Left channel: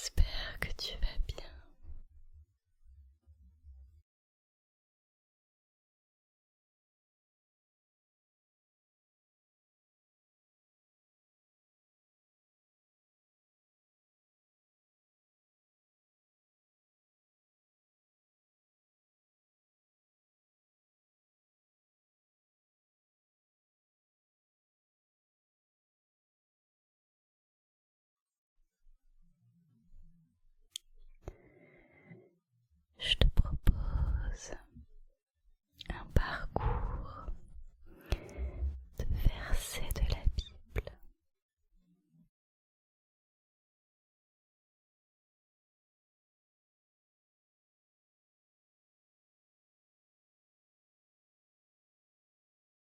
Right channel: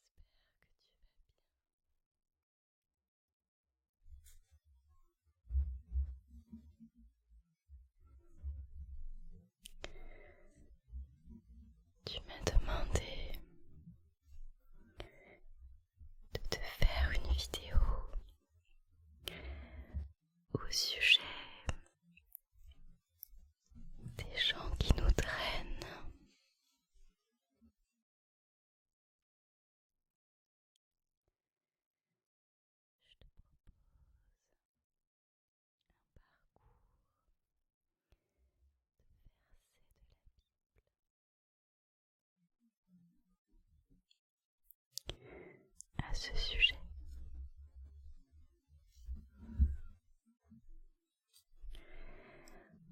J'espère que tu vas bien. Tu m'as demandé de te faire une vidéo au sujet des gens qui nous drainent. Je te propose un parcours de versets de la Bible à ce sujet.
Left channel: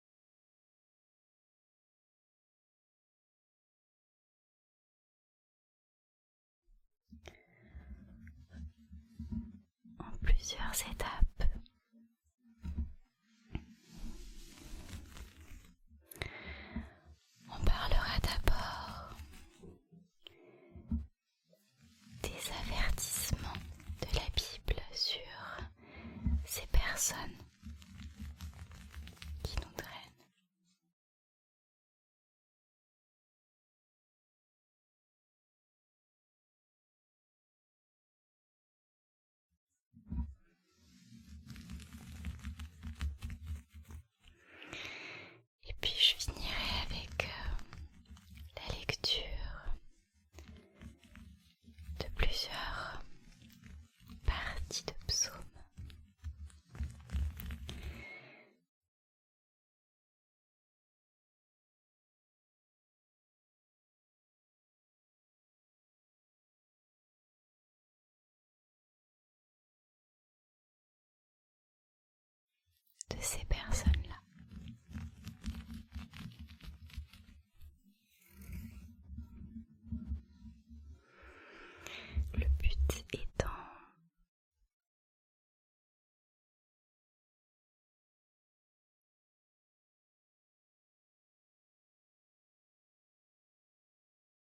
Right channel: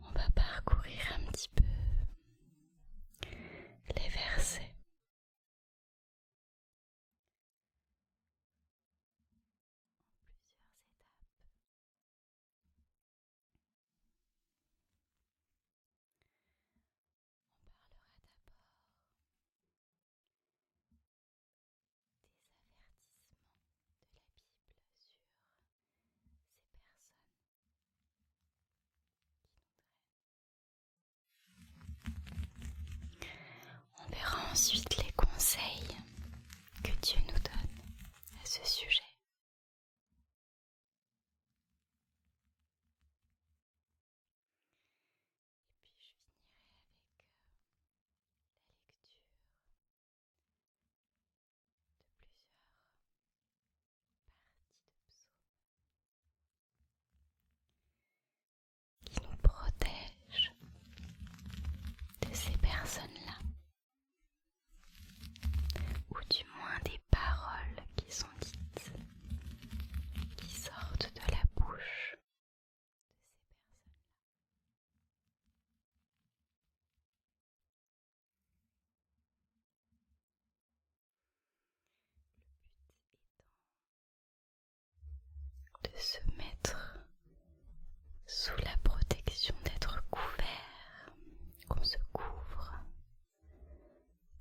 On va parcourir un petit peu les versets en plusieurs étapes. On parlera d'abord des avertissements de la Bible sur ces personnes qui nous drainent. On verra ensuite les conseils que Dieu nous donne à ce sujet. Et puis je finirai avec la lecture de plusieurs parties de psaumes qui nous protègent de ces personnes-là, ou du moins des paroles qui sont dites, qui sortent de la bouche de ces personnes-là. Le but étant de se mettre sous la protection, d'être couvert, qu'on se couvre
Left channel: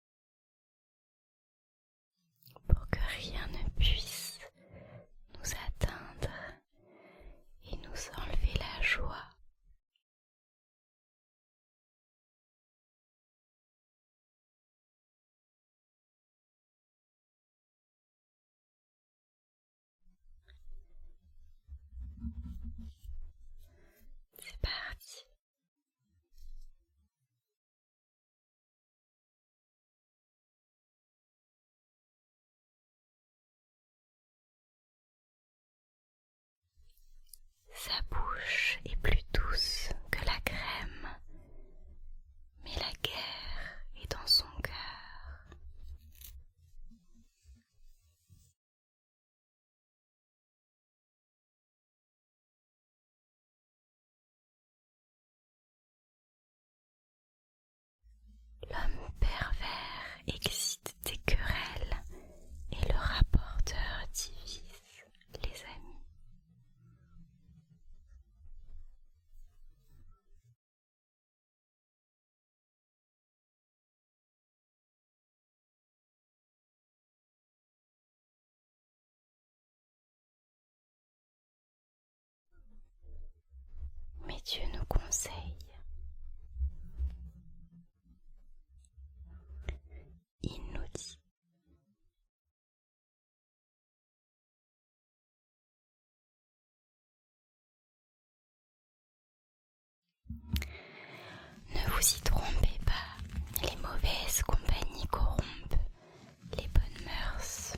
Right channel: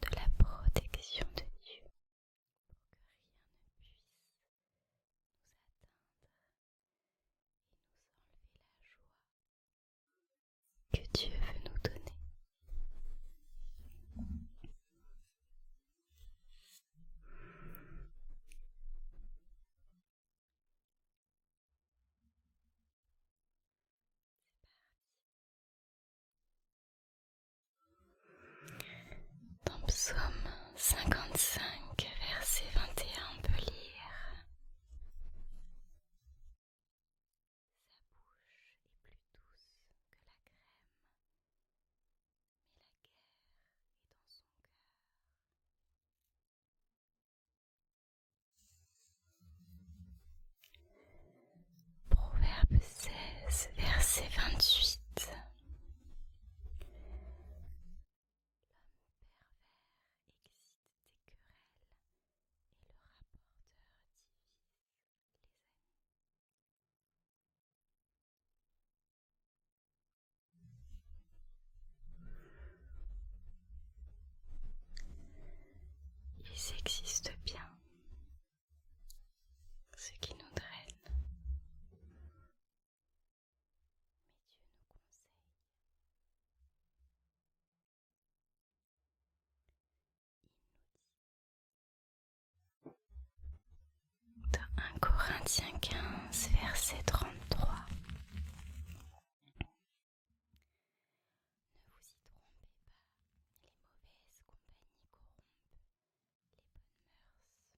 de la protection de Dieu, pour que rien ne puisse nous atteindre et nous enlever la joie que Dieu veut nous donner. C'est parti. Dans Psaume 55, verset 21, on peut lire: Sa bouche est plus douce que la crème, mais la guerre est dans son cœur. Proverbe 16, verset 28. L'homme pervers excite des querelles et le rapporteur divise les amis. Ils existent bien, ceux qui nous drainent. Mais Dieu nous conseille il nous dit dans 1 Corinthiens 15, verset 33: Ne vous y trompez pas, les mauvaises compagnies corrompent les bonnes mœurs.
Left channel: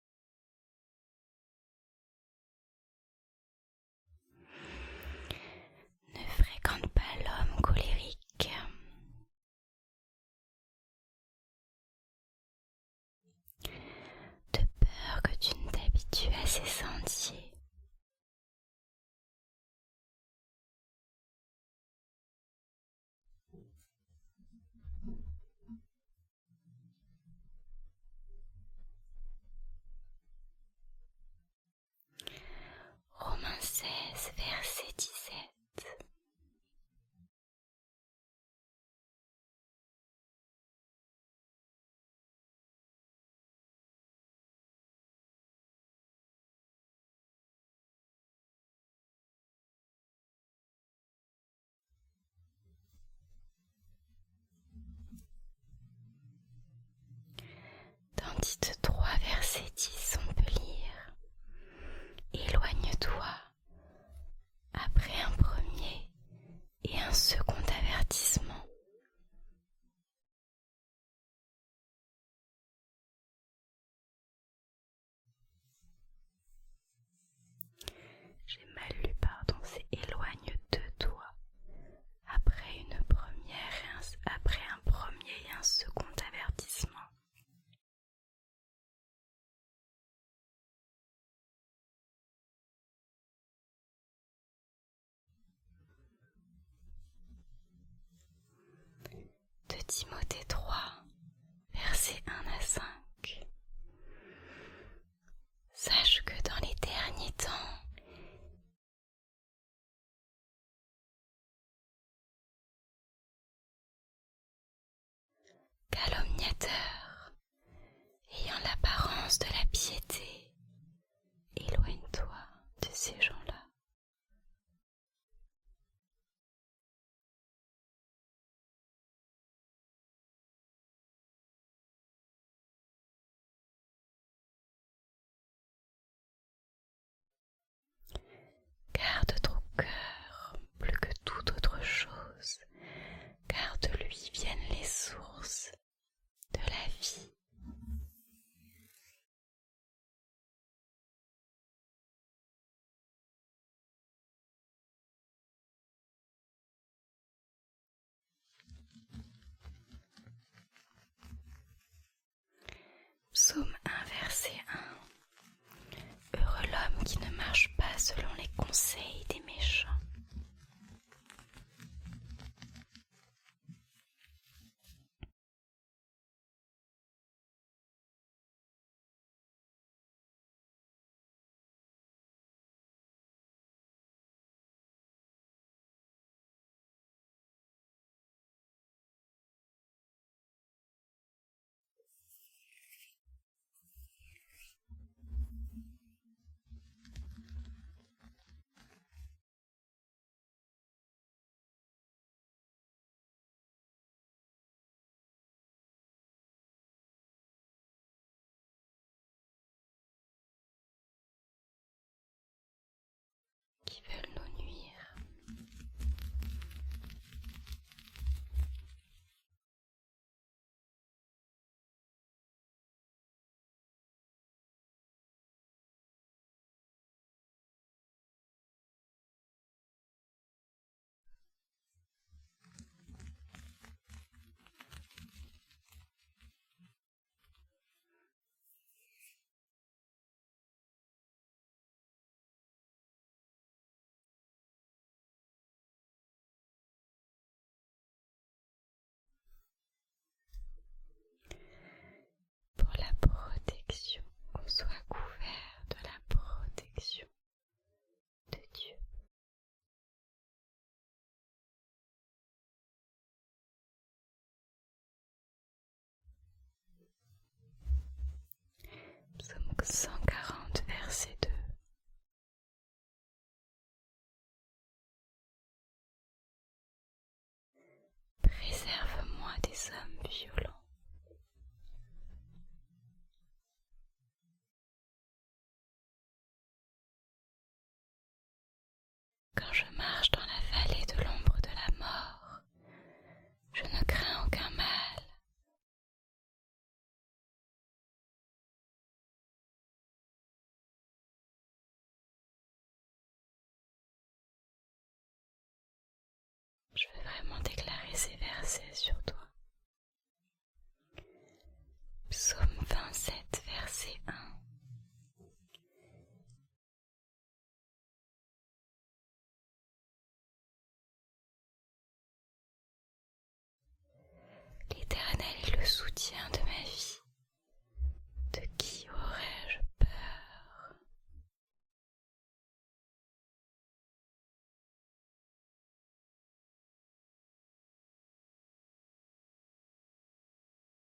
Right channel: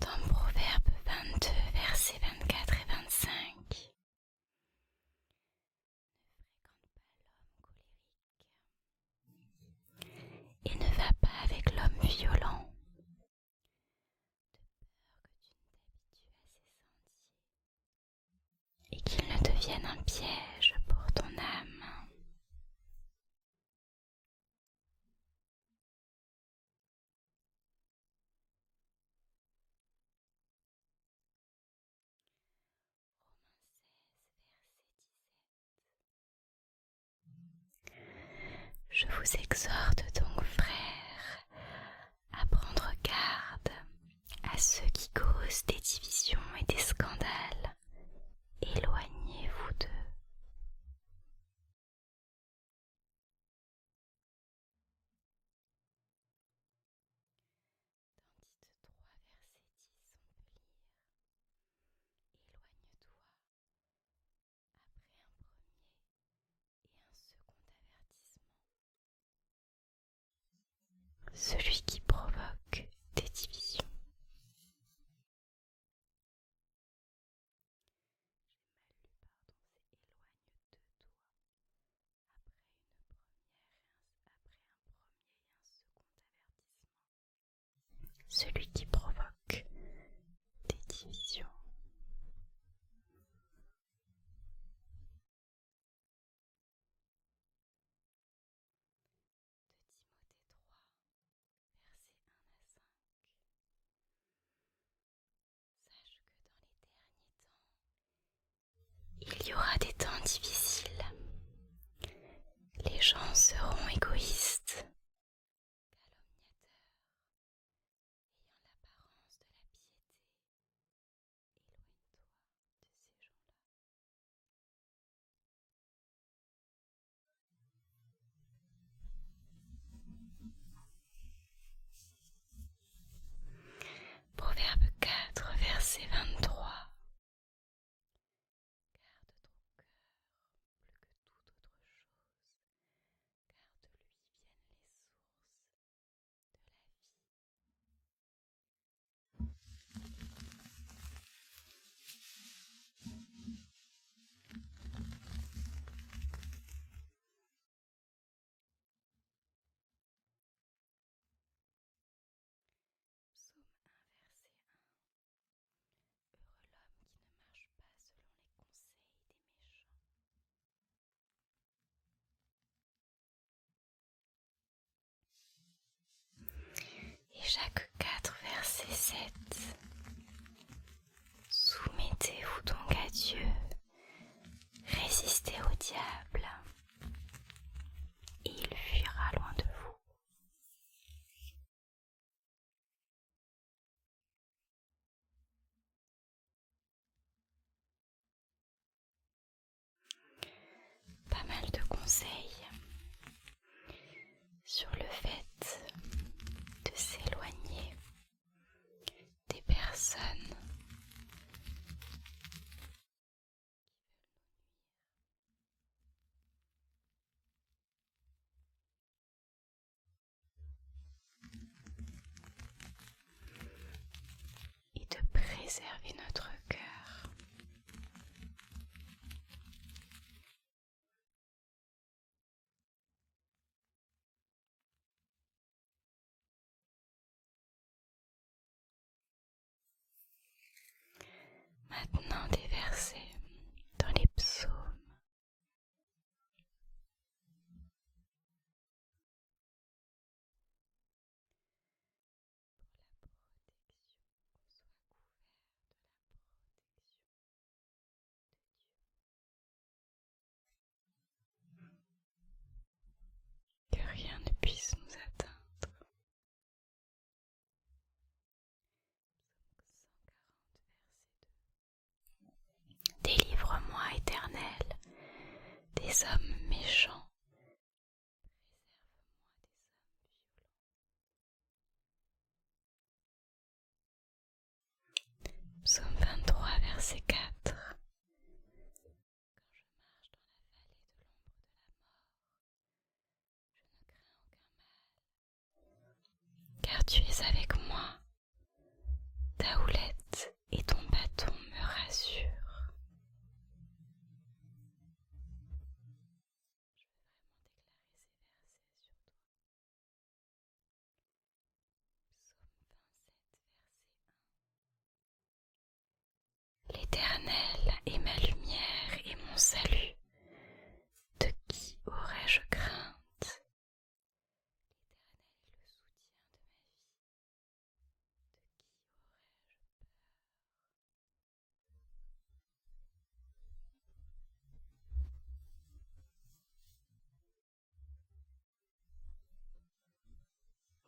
Dans Proverbe 22, versets 24 et 25: Ne fréquente pas l'homme colérique et ne va pas avec l'homme violent, de peur que tu ne t'habitues à ses sentiers et qu'il ne devienne un piège pour ton âme. Tite 3, verset 10, on peut lire: éloigne-toi après un premier et un second avertissement, celui qui provoque des divisions. J'ai mal lu, pardon, c'est éloigne de toi après après un premier et un second avertissement, celui qui provoque des divisions. De Timothée 3, versets 1 à 5. Sache que dans les derniers temps, il y aura des temps difficiles. Les gens seront égoïstes, calomniateurs, ayant l'apparence de la piété. Éloigne-toi de ces gens-là. Proverbe 4, verset 23. Garde ton cœur plus que toute autre chose, car de lui viennent les sources de la vie. Psaume 1, verset 1. Heureux l'homme qui ne marche pas selon les conseils des méchants. Et Jacques 4, verset 7. Soumettez-vous donc à Dieu, résistez au diable, et il fuira loin de vous. Pas mal de conseils sur le fait de s'éloigner des personnes qui veulent nous nuire. Et de préserver notre cœur. Maintenant des versets dans les psaumes. Pour la protection, qu'on soit couvert de la protection de Dieu. Que rien ne puisse nous atteindre. Psaume 140, verset 2. Délivre-moi, Éternel, des hommes méchants. Préserve-moi des hommes violents. Psaume 23, verset 4. Quand je marche dans la vallée de l'ombre de la mort, je ne crains aucun mal, car tu es avec moi. Ta houlette et ton bâton me rassurent. Je veux vraiment déclarer ces versets sur toi. Psaume 27, verset 1. L'Éternel est ma lumière et mon salut. De qui aurais-je crainte? L'Éternel est le soutien de ma vie. De qui aurais-je peur?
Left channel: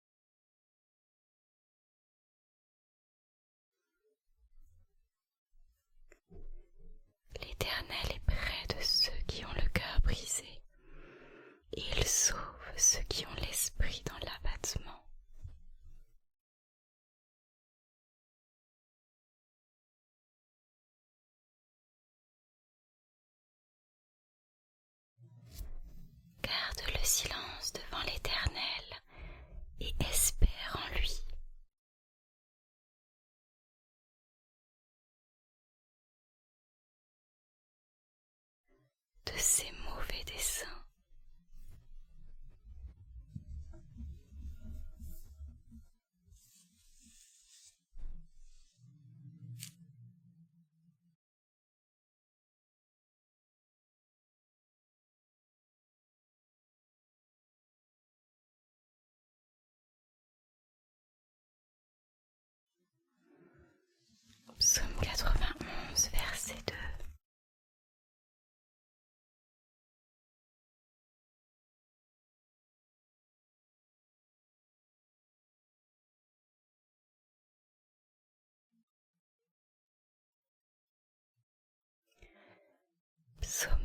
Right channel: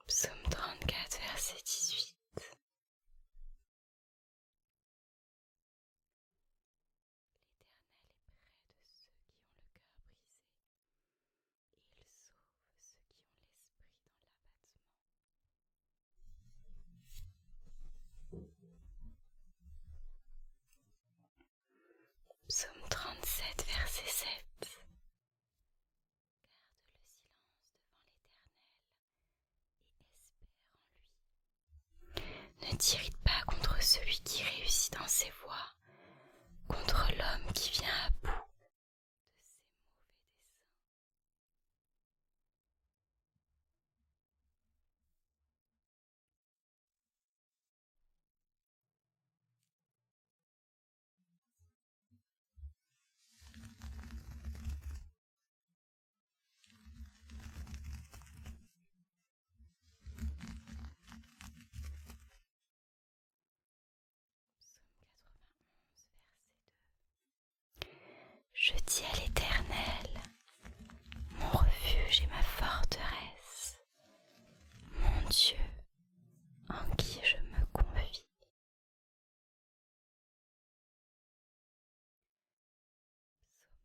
Psaume 34, verset 18. L'Éternel est près de ceux qui ont le cœur brisé, et il sauve ceux qui ont l'esprit dans l'abattement.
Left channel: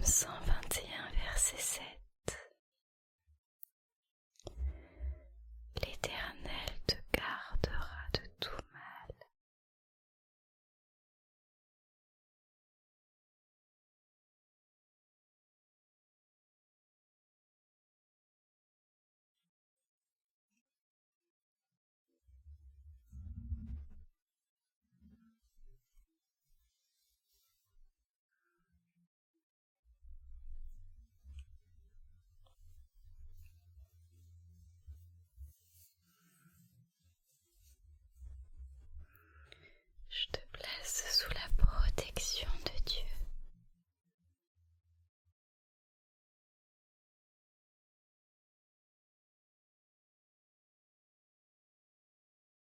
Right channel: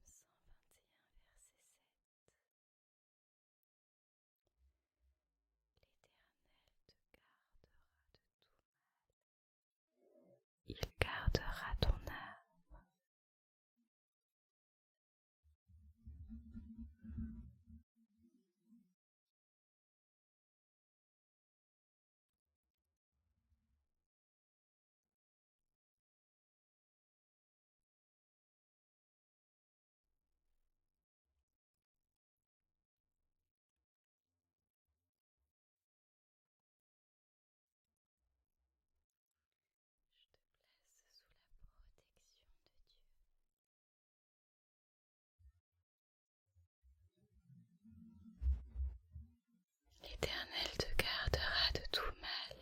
121, verset 7. L'Éternel te gardera de tout mal, il gardera ton âme. Je te place sous la protection de Dieu. L'Éternel te gardera de tout mal,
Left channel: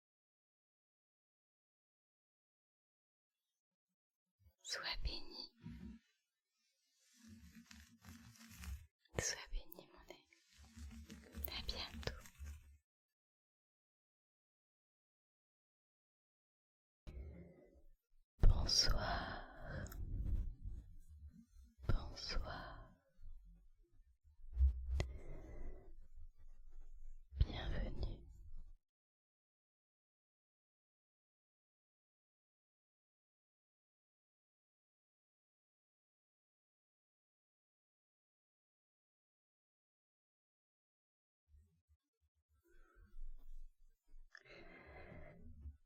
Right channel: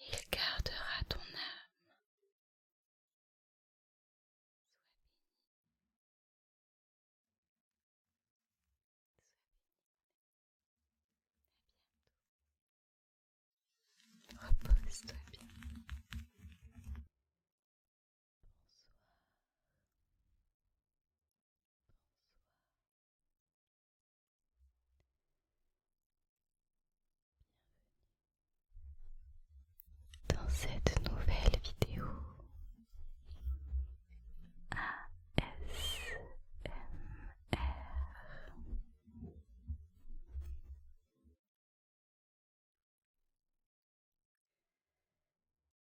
et il gardera ton âme. Sois béni. Sois béni, mon ami. À bientôt. Repose-toi bien. Bonsoir. Bonsoir. Bienvenue dans cette nouvelle vidéo ASMR.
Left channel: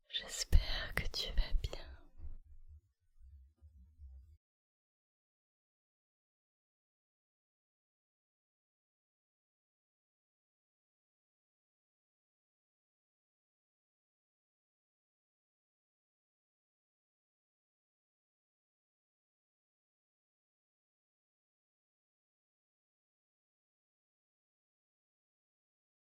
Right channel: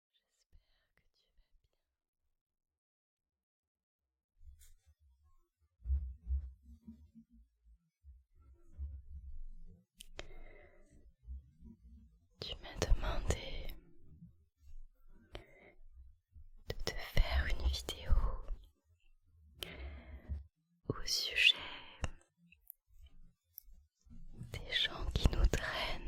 J'espère que tu vas bien. Tu m'as demandé de te faire une vidéo au sujet des gens qui nous drainent.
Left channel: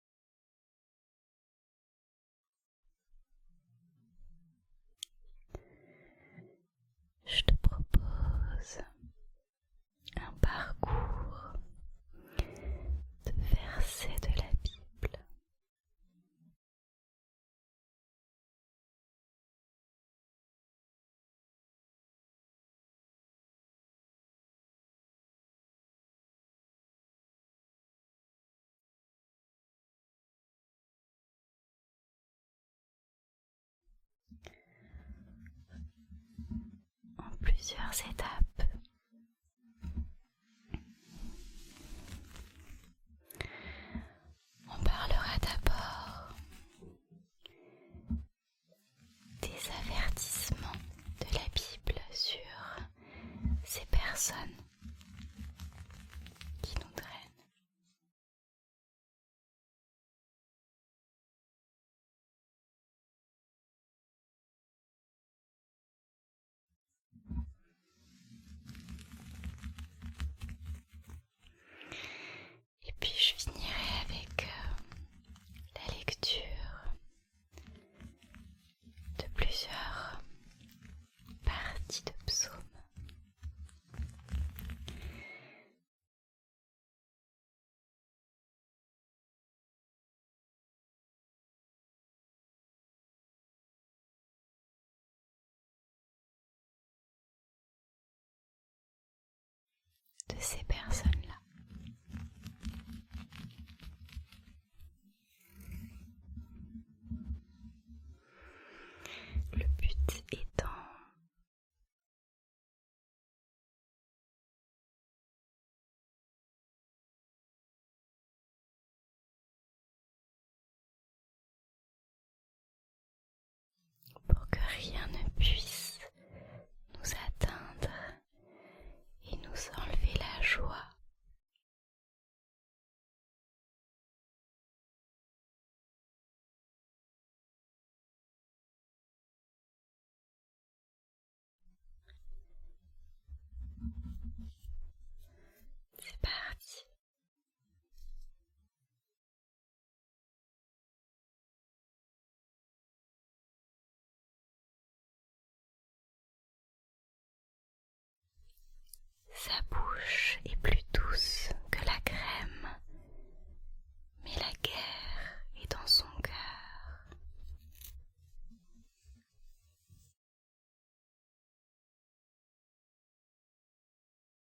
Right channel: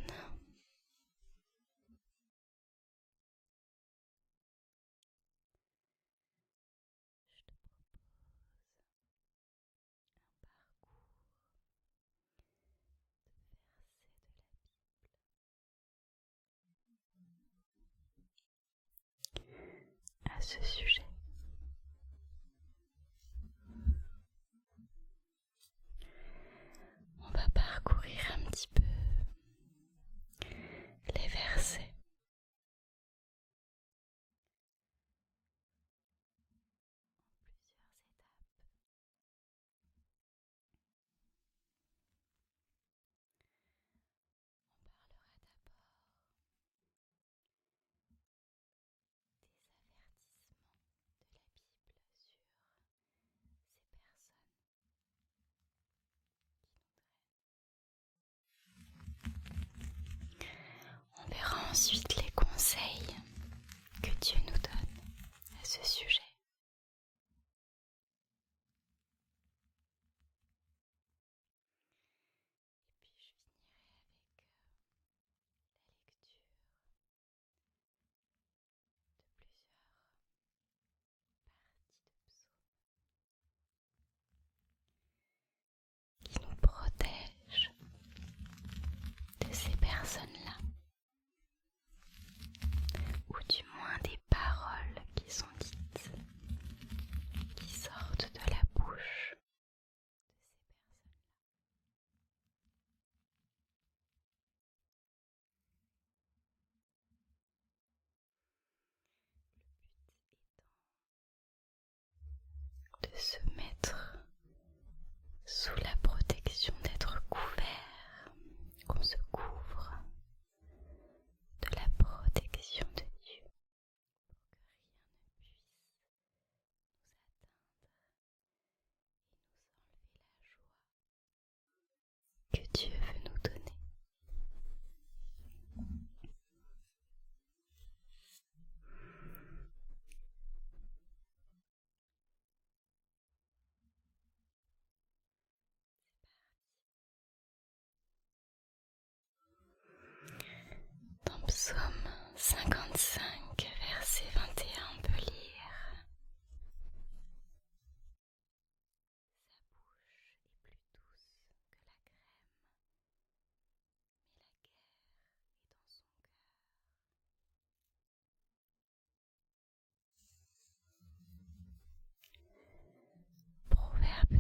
Je te propose un parcours de versets de la Bible à ce sujet. On va parcourir un petit peu les versets en plusieurs étapes. On parlera d'abord des avertissements de la Bible sur ces personnes qui nous drainent. On verra ensuite les conseils que Dieu nous donne à ce sujet. Et puis je finirai avec la lecture de plusieurs parties de psaumes qui nous protègent de ces personnes-là, ou du moins des paroles qui sont dites, qui sortent de la bouche de ces personnes-là. Le but étant de se mettre sous la protection, d'être couvert, qu'on se couvre de la protection de Dieu, pour que rien ne puisse nous atteindre et nous enlever la joie que Dieu veut nous donner. C'est parti. Dans Psaume 55, verset 21, on peut lire: Sa bouche est plus douce que la crème, mais la guerre est dans son cœur. Proverbe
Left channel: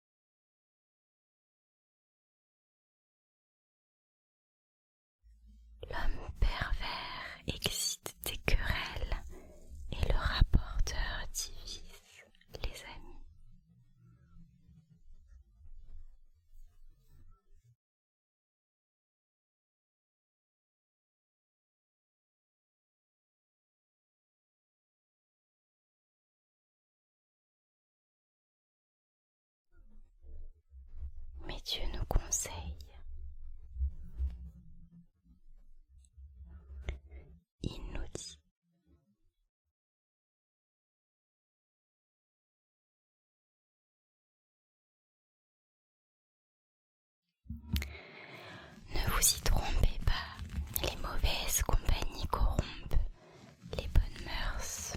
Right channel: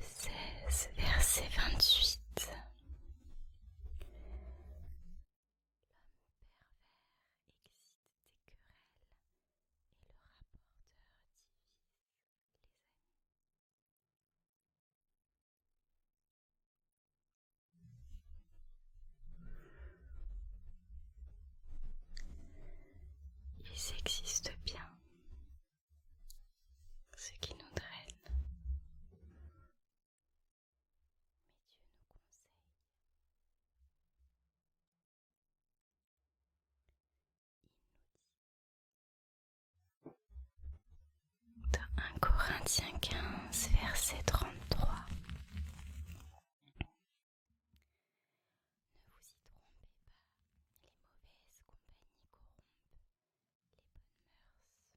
Corinthiens 15, verset 33. Ne vous y trompez pas, les mauvaises compagnies corrompent les bonnes mœurs.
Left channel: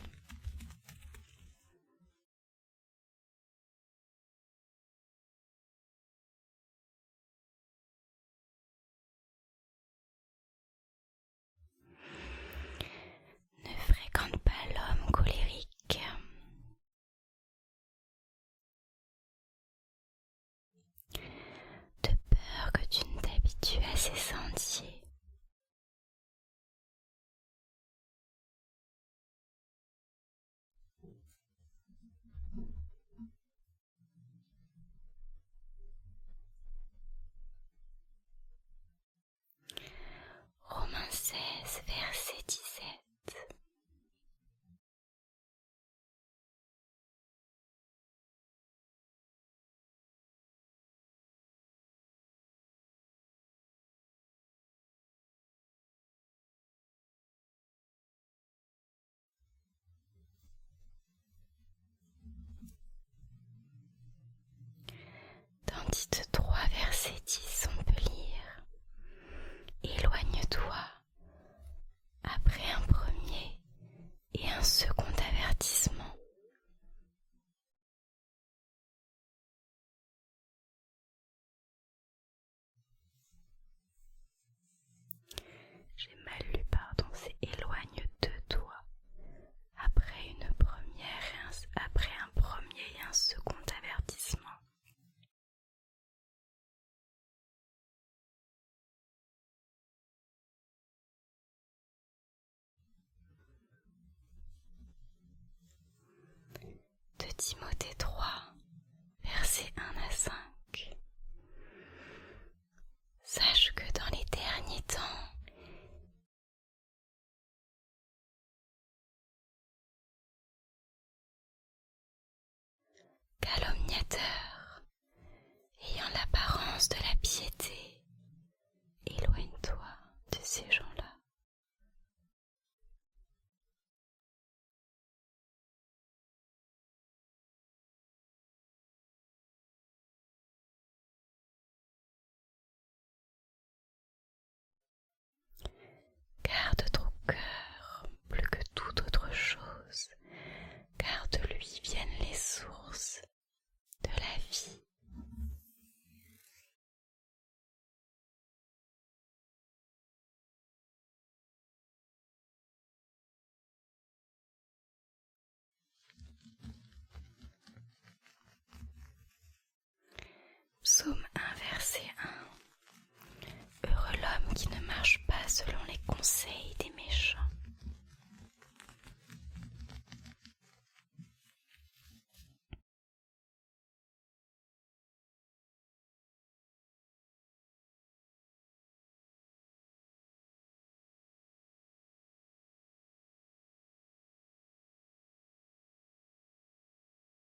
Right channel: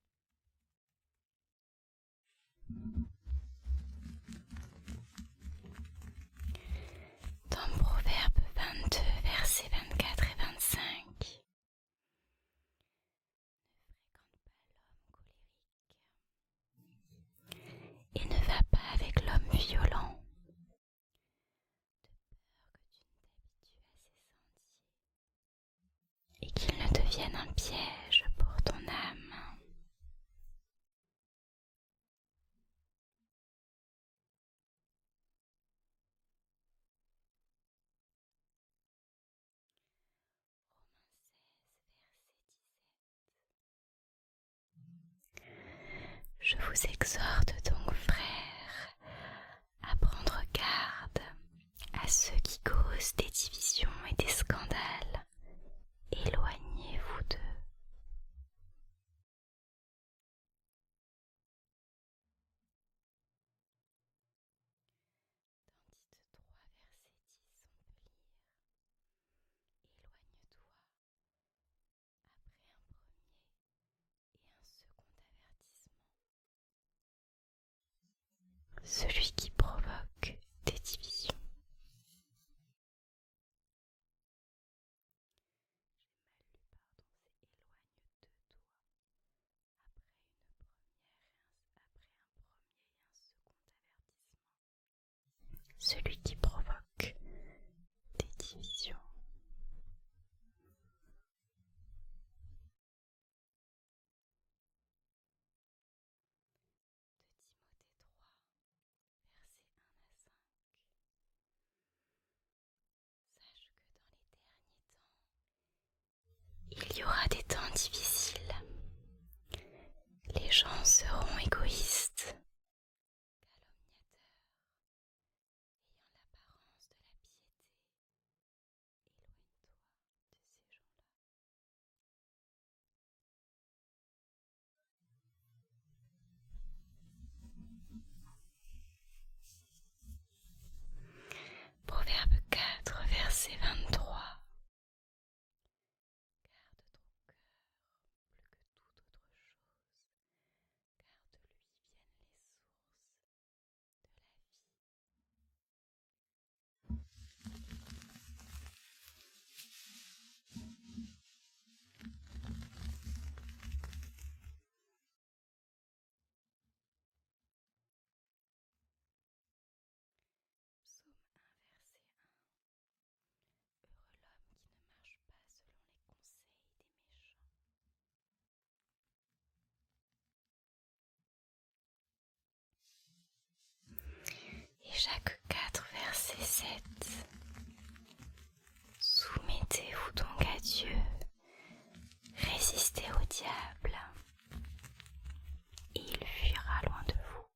Dans Proverbe 22, versets 24 et 25, ne fréquente pas l'homme colérique et ne va pas avec l'homme violent, de peur que tu ne t'habitues à ses sentiers et qu'il ne devienne un piège pour ton âme. Romains 16, verset 17. Je vous exhorte donc, frères, à prendre garde à ceux qui causent des divisions et des scandales. Éloignez-vous d'eux. Dans Tite 3, verset 10, on peut lire: Éloigne-toi après un premier et un second avertissement, celui qui provoque des divisions. J'ai mal lu, pardon, c'est éloigne de toi après après un premier et un second avertissement, celui qui provoque des divisions. De Timothée 3, versets 1 à 5. Sache que dans les derniers temps, il y aura des temps difficiles. Les gens seront égoïstes, calomniateurs, ayant l'apparence de la piété. Éloigne-toi de ces gens-là. Proverbe 4, verset 23. Garde ton cœur plus que toute autre chose, car de lui viennent les sources de la vie. Psaume 1, verset 1. Heureux l'homme qui ne marche pas selon les conseils des méchants. Et Jacques 4, verset 7. Soumettez-vous donc à Dieu, résistez au diable, et il fuira loin de vous.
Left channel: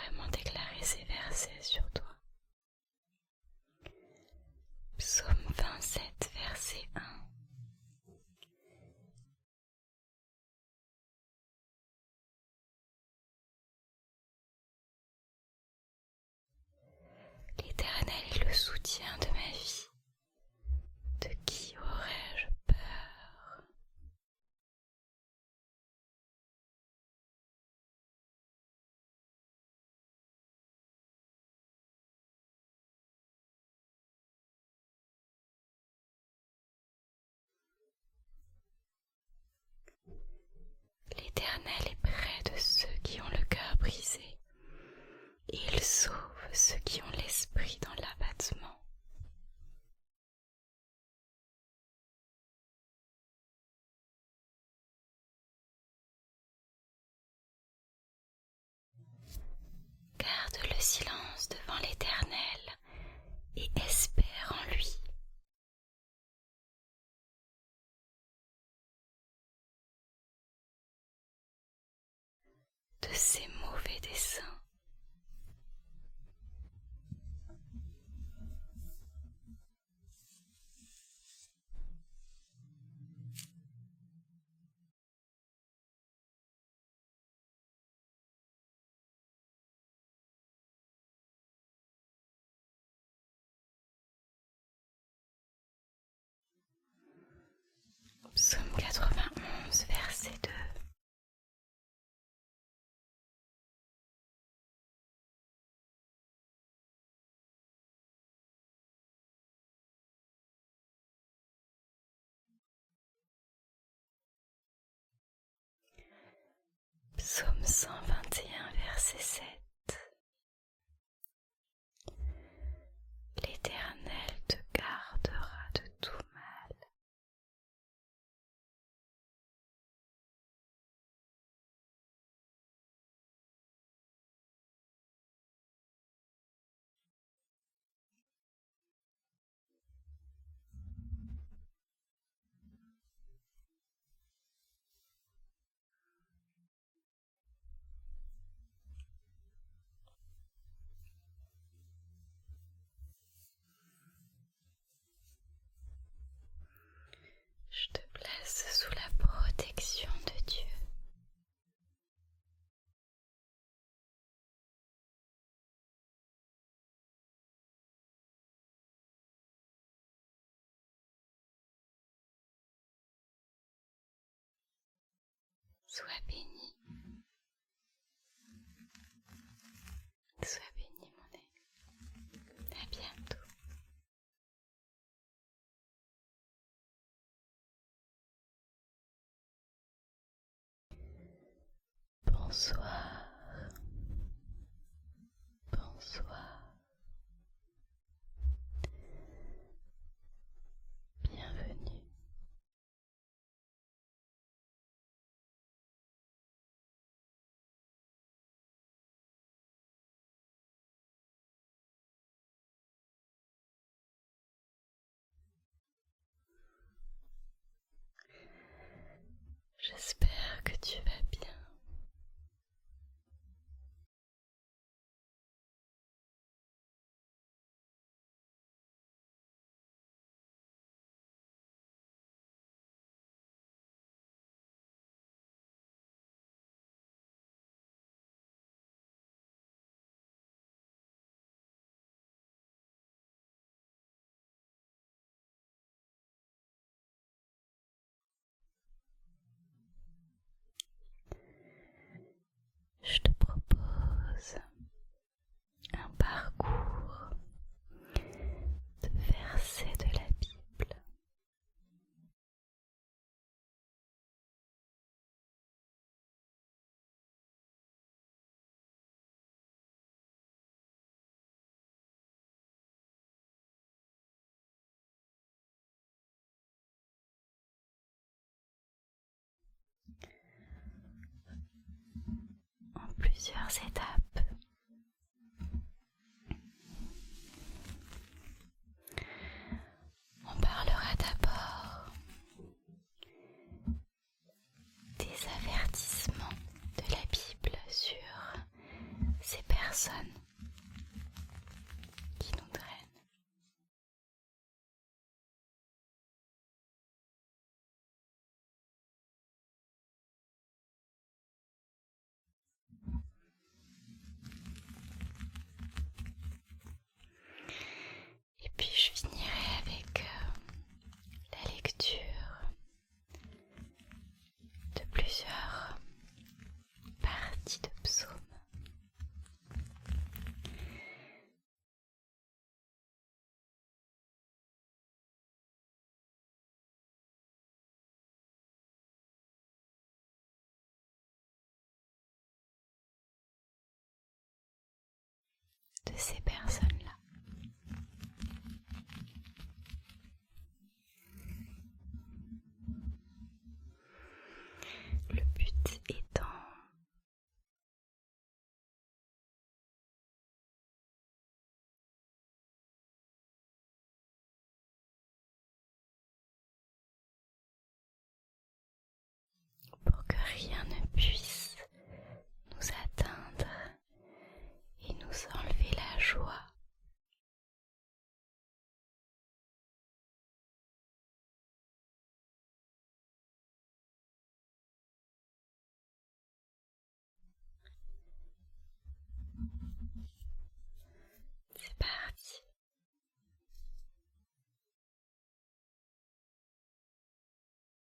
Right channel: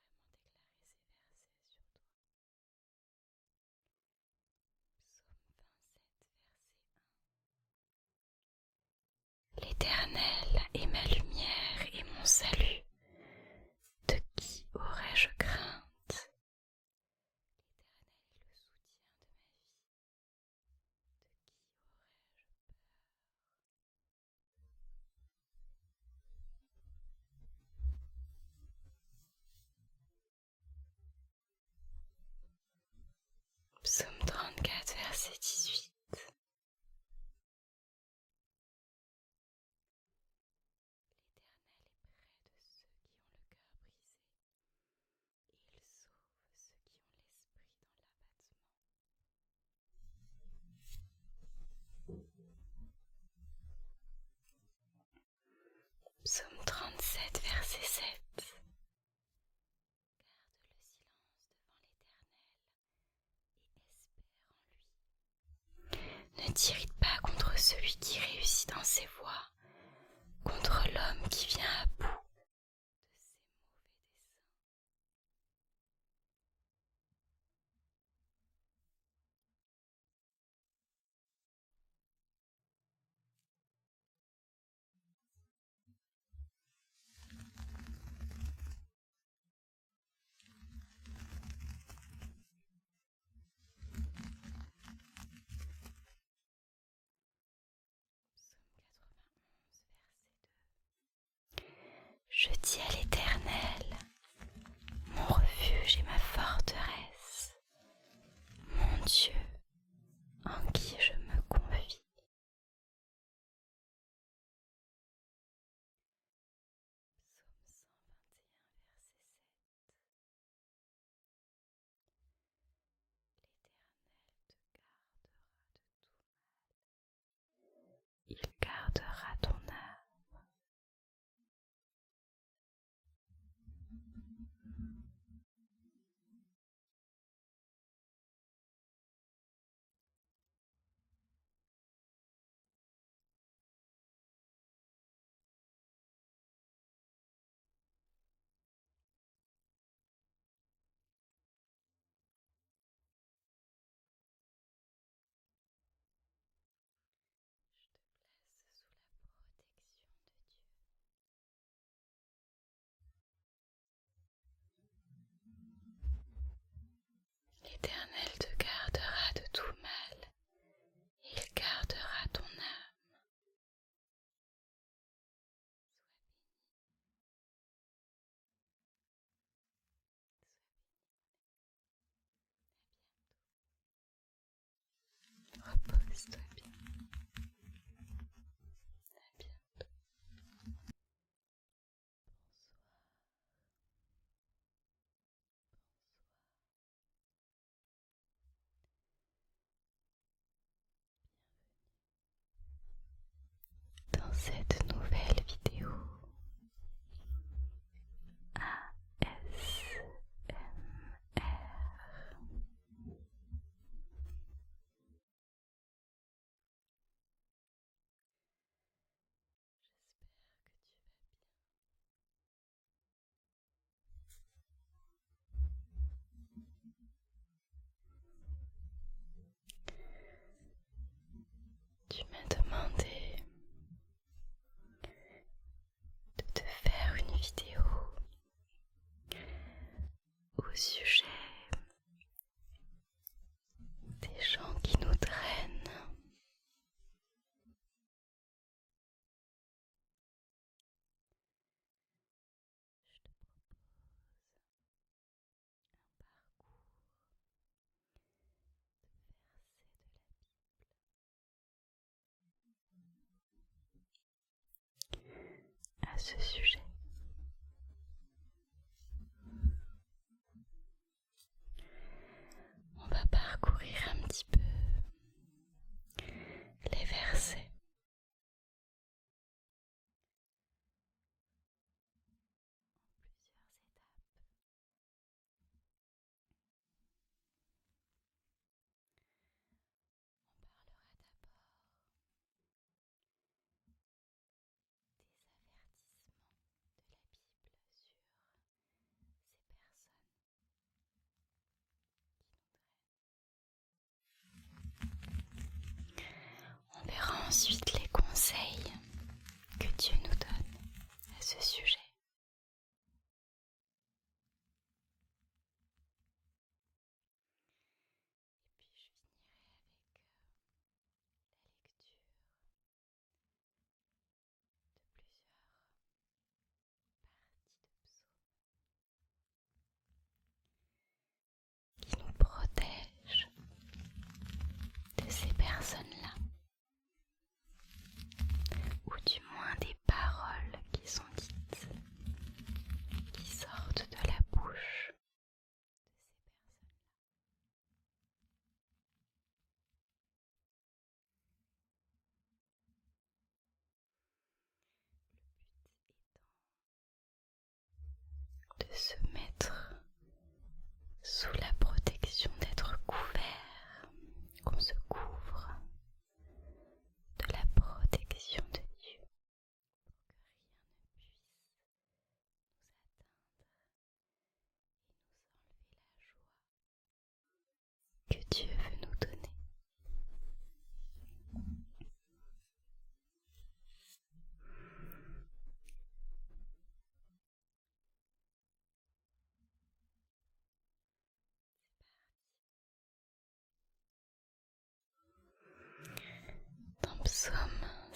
vraiment déclarer ces versets sur toi. Psaume 27, verset 1. L'Éternel est ma lumière et mon salut. De qui aurais-je crainte? L'Éternel est le soutien de ma vie. De qui aurais-je peur? Psaume 34, verset 18. L'Éternel est près de ceux qui ont le cœur brisé, et il sauve ceux qui ont l'esprit dans l'abattement. Psaume 37, verset 7. Garde le silence devant l'Éternel et espère en lui. Ne t'irrite pas contre celui qui réussit dans ses voies, contre l'homme qui vient à bout de ses mauvais desseins. Psaume 91, verset 2. Je dis à l'Éternel, mon refuge et ma forteresse, mon Dieu, en qui je me confie. Psaume 121, verset 7. L'Éternel te gardera de tout mal. Il gardera ton âme. Je te place sous la protection de Dieu. L'Éternel te gardera de tout mal, et il gardera ton âme. Sois béni. Sois béni, mon ami. À bientôt. Repose-toi bien. À bientôt. Bonsoir. Bonsoir. Bienvenue dans cette nouvelle vidéo ASMR. J'espère que tu vas bien. Tu m'as demandé de te faire une vidéo au sujet des gens qui nous drainent. Je te propose un parcours de versets de la Bible à ce sujet. On va parcourir un petit peu les versets en plusieurs étapes. On parlera d'abord des avertissements de la Bible sur ces personnes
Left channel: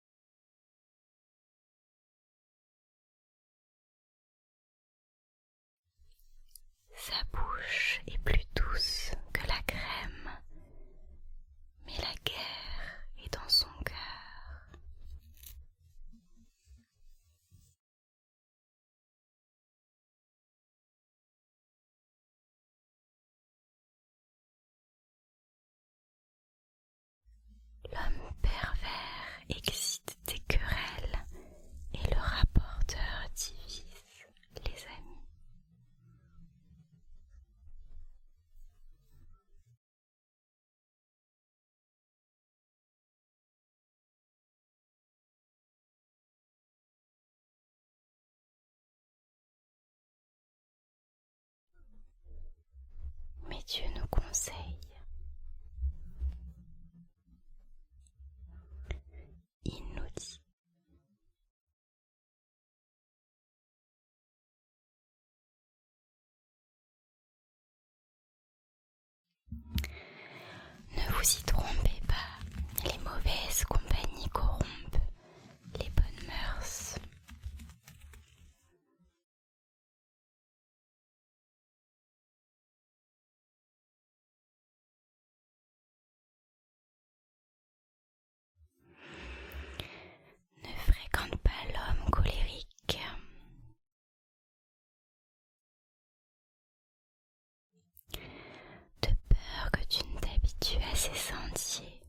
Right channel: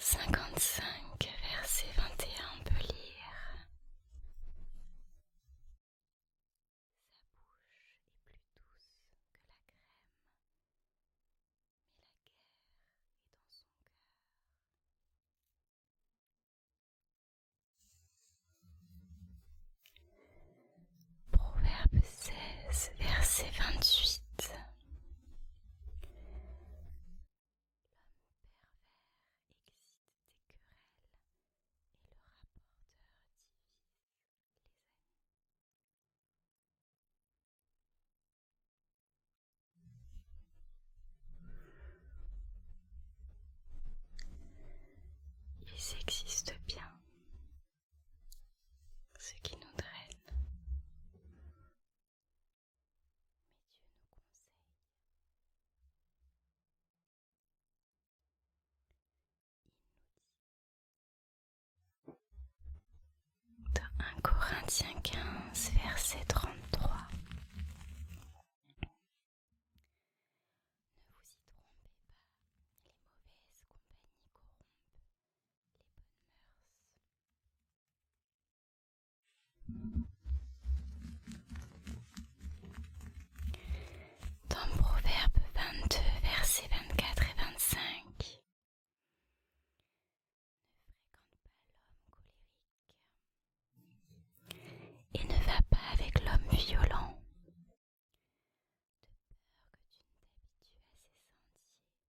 55, verset 21, on peut lire: Sa bouche est plus douce que la crème, mais la guerre est dans son cœur. Proverbe 16, verset 28. L'homme pervers excite des querelles et le rapporteur divise les amis. Ils existent bien, ceux qui nous drainent. Mais Dieu nous conseille. Il nous dit dans 1 Corinthiens 15, verset 33: Ne vous y trompez pas, les mauvaises compagnies corrompent les bonnes mœurs. Dans Proverbe 22, versets 24 et 25: Ne fréquente pas l'homme colérique et ne va pas avec l'homme violent, de peur que tu ne t'habitues à ses sentiers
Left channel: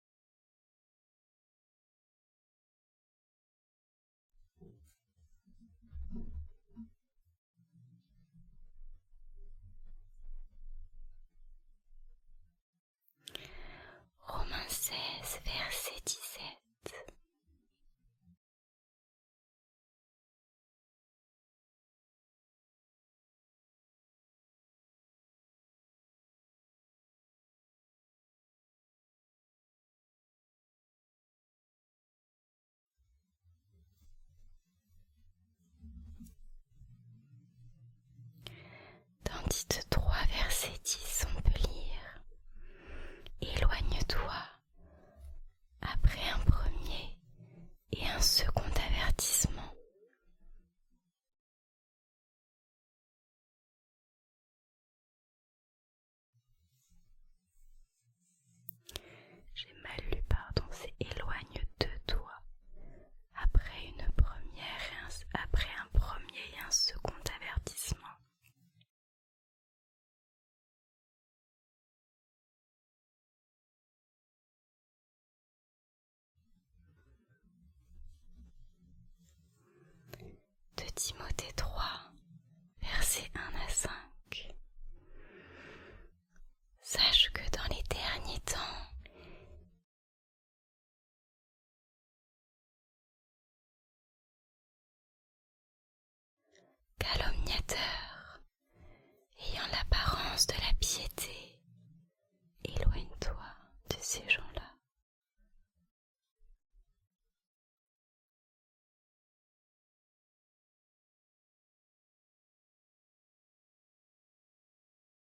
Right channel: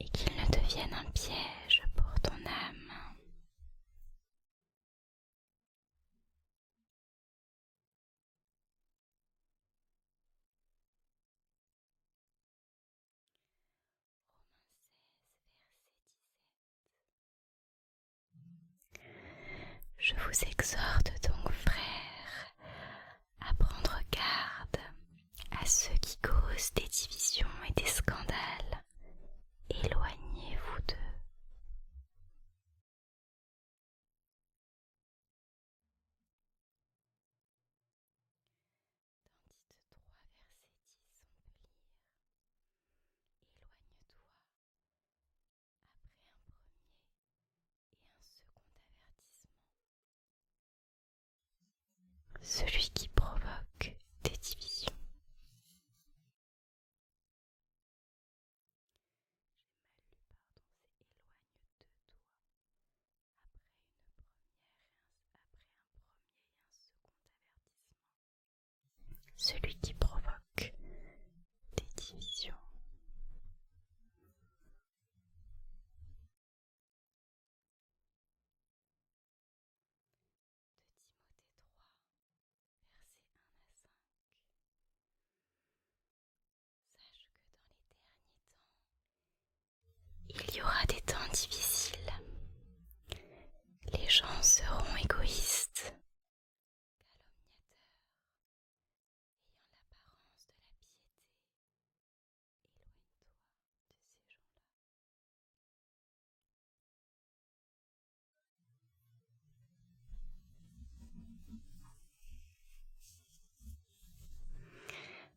et qu'il ne devienne un piège pour ton âme. Romains 16, verset 17. Je vous exhorte donc, frères, à prendre garde à ceux qui causent des divisions et des scandales. Éloignez-vous d'eux. Dans Tite 3, verset 10, on peut lire: Éloigne-toi après un premier et un second avertissement, celui qui provoque des divisions. J'ai mal lu, pardon, c'est éloigne de toi après un premier et un second avertissement, celui qui provoque des divisions. De Timothée 3, versets 1 à 5. Sache que dans les derniers temps, il y aura des temps difficiles. Les gens seront égoïstes, calomniateurs, ayant l'apparence de la piété. Éloigne-toi de ces gens-là.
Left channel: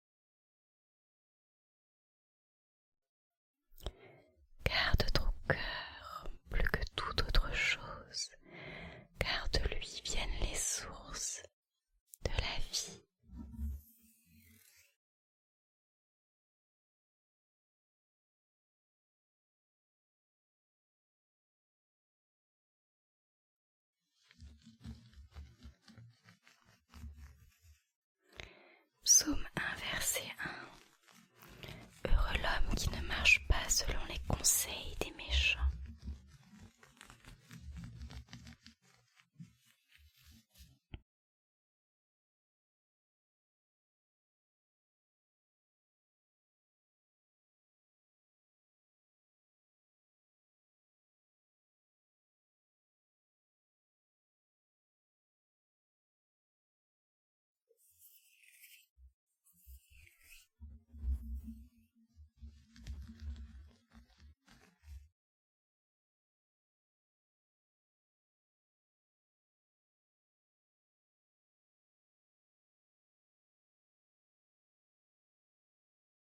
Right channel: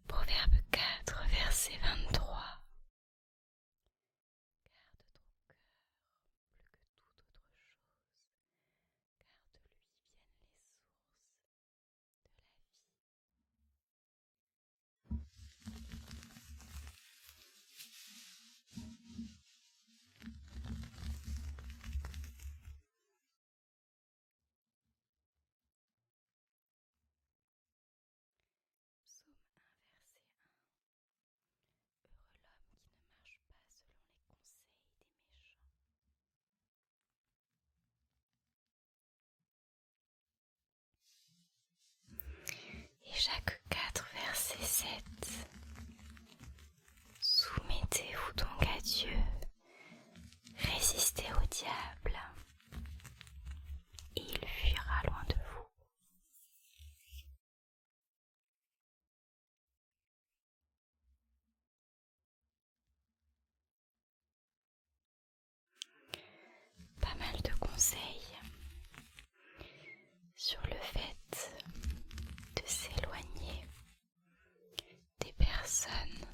Proverbe 4, verset 23. Garde ton cœur plus que toute autre chose, car de lui viennent les sources de la vie. Psaume 1, verset 1. Heureux l'homme qui ne marche pas selon les conseils des méchants. Et Jacques 4, verset 7. Soumettez-vous donc à Dieu, résistez au diable, et il fuira loin de vous. Pas mal de conseils sur le fait de s'éloigner des personnes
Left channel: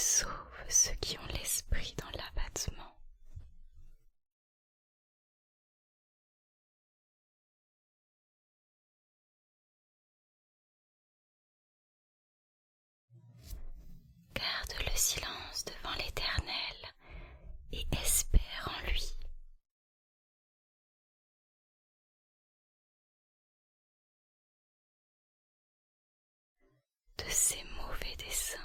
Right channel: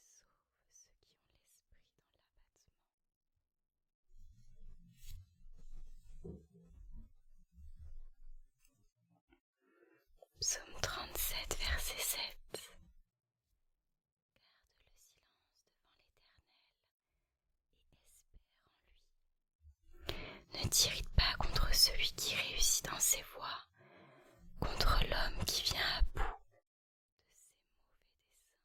sauve ceux qui ont l'esprit dans l'abattement. Psaume 37, verset 7. Garde le silence devant l'Éternel et espère en lui. Ne t'irrite pas contre celui qui réussit dans ses voies, contre l'homme qui vient à bout de ses mauvais desseins.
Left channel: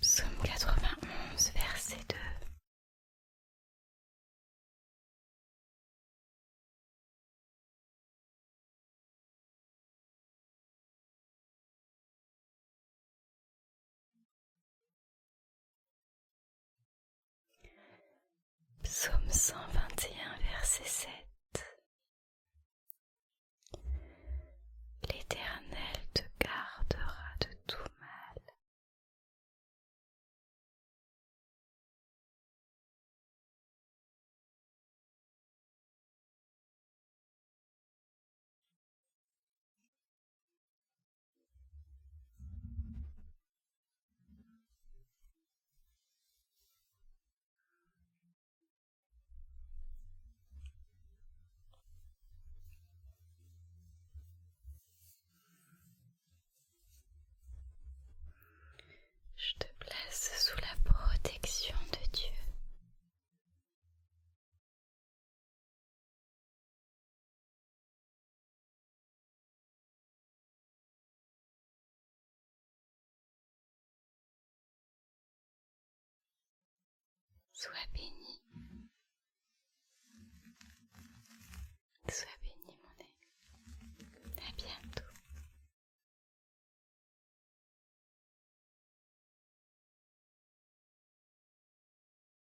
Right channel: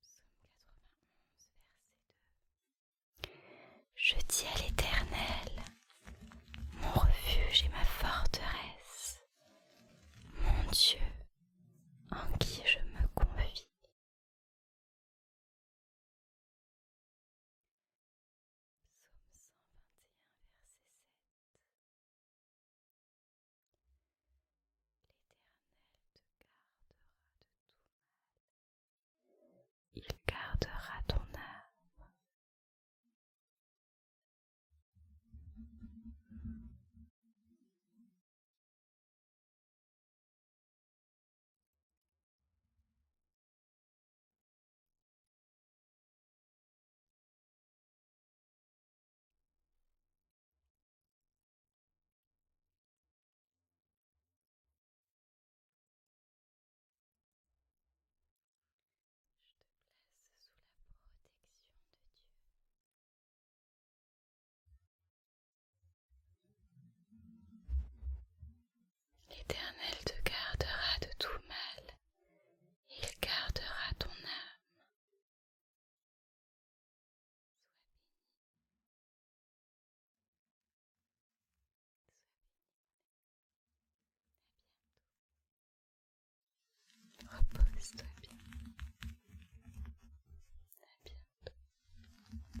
Psaume 91, verset 2. Je dis à l'Éternel, mon refuge et ma forteresse, mon Dieu, en qui je me confie. Psaume 121, verset 7. L'Éternel te gardera de tout mal, il gardera ton âme. Je te place sous la protection de Dieu. L'Éternel te gardera de tout mal, il gardera ton âme. Sois béni.